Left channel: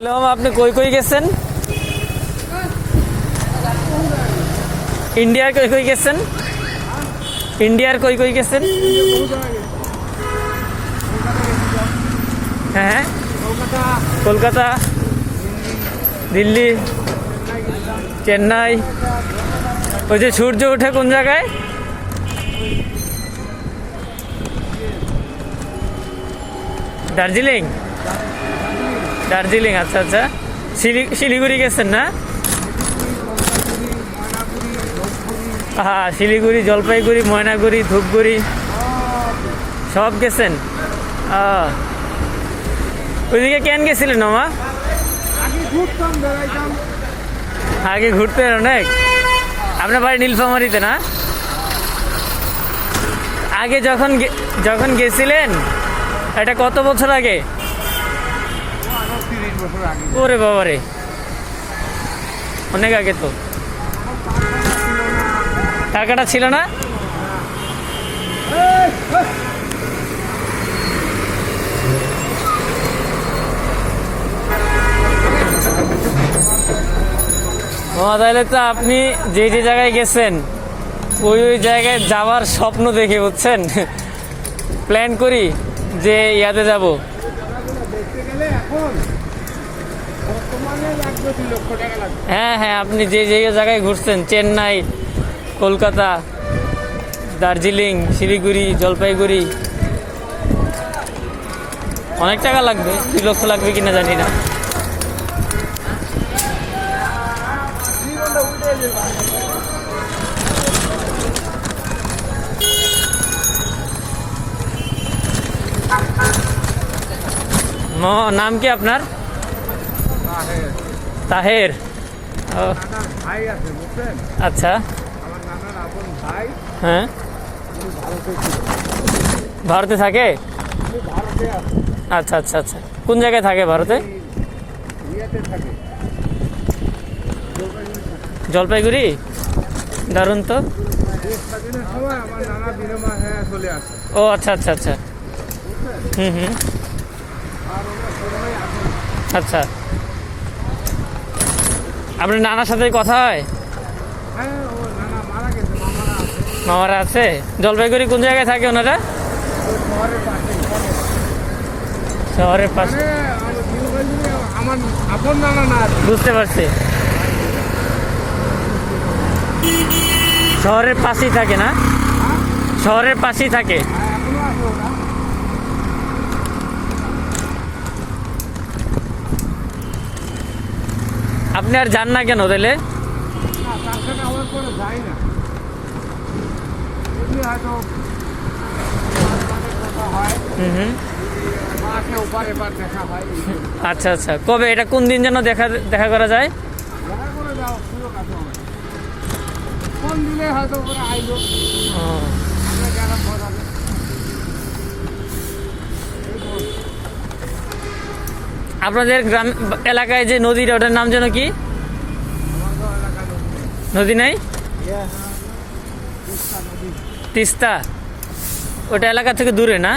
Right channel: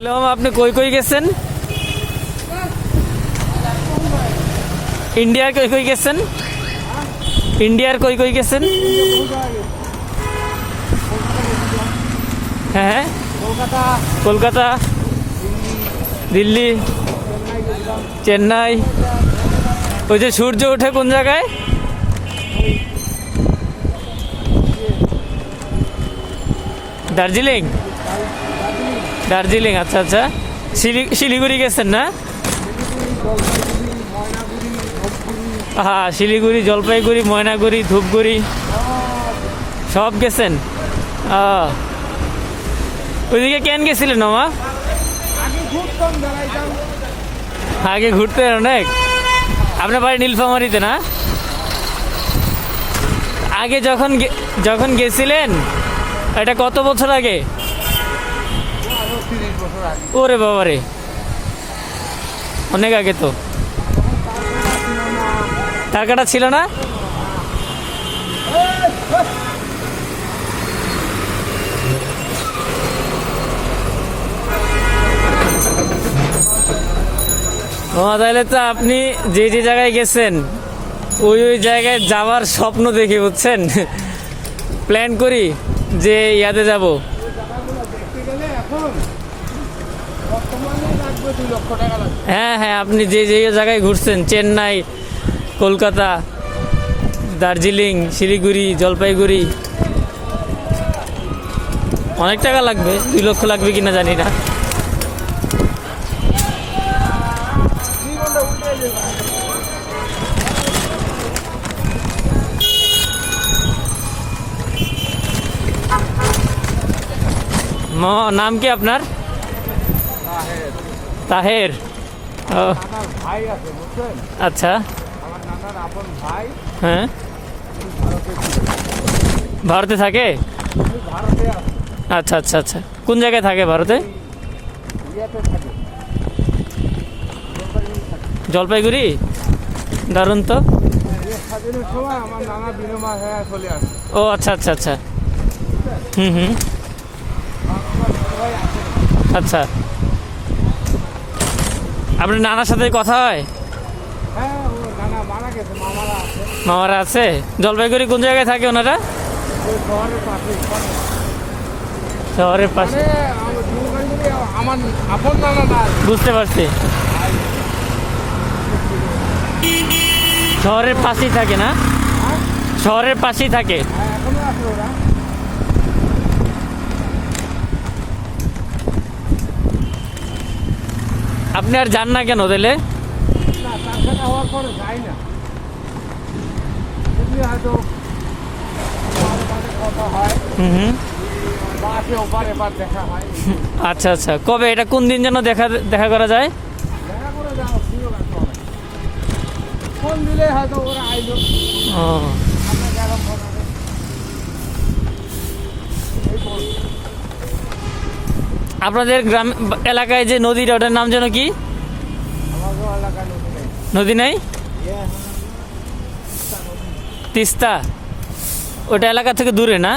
আপনি কই কই গেছেন? ইন্ডিয়ার কই কই গেছেন? ইন্ডিয়ার কই কই গেছেন? হ্যাঁ, কলকাতা, দিল্লি, চেন্নাই। ওই যে সূর্য ওঠে কোন জায়গায়? দার্জিলিং। দার্জিলিং, আচ্ছা আচ্ছা। শিলিগুড়ি গেছেন না? হ্যাঁ, শিলিগুড়ি, জলপাইগুড়ি, ময়নাগুড়ি, ধূপগুড়ি সব গেছেন। ওইদিকে কেন গেছিলেন মামা? আগে ঘুরতেন অনেক। আপনার বাড়ি নীলফামারীতে না? আগে যখন গেছিলেন, এটা কত বছর আগে? ওরে বাবারে, অনেক আগে তো। তার কাটা ছিল না? তাহলে তো আপনি যে যে জায়গায় গেছেন ওই জায়গায় যাওয়ার স্বপ্ন দেখে, বুঝছেন? প্ল্যান করি যে ইয়াতে যাব। হ্যাঁ হ্যাঁ, আপনি যে যে জায়গায় ঘুরছেন, চেন্নাই, কলকাতা, দার্জিলিং, শিলিগুড়ি, জলপাইগুড়ি, অনেক টাকা লাগবে। 2 লক্ষ লাগবে কিনা জানি না। নাম কি আপনার? তাহের। ও ভাই আছে, বুঝছেন? আচ্ছা। আমার নানার আপন ভাই। হ্যাঁ, ভারতে থাকে? ভারতে আছে। আচ্ছা আচ্ছা আচ্ছা। কোন জায়গায় থাকে ভারতে? ইয়াতে থাকে, জলপাইগুড়ি। দারুণ তো। দেশ স্বাধীনের সময় আমার নানা বিনিময় হয়ে চলে আসে। ও আচ্ছা আচ্ছা আচ্ছা। হুম হুম, আচ্ছা। আপনি নানার সাথে কথা হয়? হ্যাঁ, ও নানা মারা গেছে, মামারা আছে। মামারা আছে? জলপাইগুড়ি কোন জায়গায় থাকে ওনারা? ওই শহরের পাশে, শহরের পাশে। আমার আপন নানা না আর কি। বুঝতে পারছি। শহরের পাশেই থাকে না? শহরের পাশেই থাকে। এখনো আছে ওরা। আপনি আর যান না কেন তাহলে? না, তার সাথে হওয়ার পরে যাই না। যদি হয়তো কথা হয়, হুম হুম, বা আছে ওপার এবার দেখা হয়। আচ্ছা আচ্ছা। কবে এটা, কোন দিন যেন দেখা করা যায়? দেখা করে যাওয়ার সুযোগ আছে অনেক। ফোন দিলে হয়তো ওরা আইলো, ও, আমরা যারা ফোন হবে। আপনাদের গ্রাম এলাকায় যে নদীটা, ওটার নাম যেন কি? আমাদের এলাকার নদী নাই? তিস্তা। ওটা এলাকা থেকে দূরে না?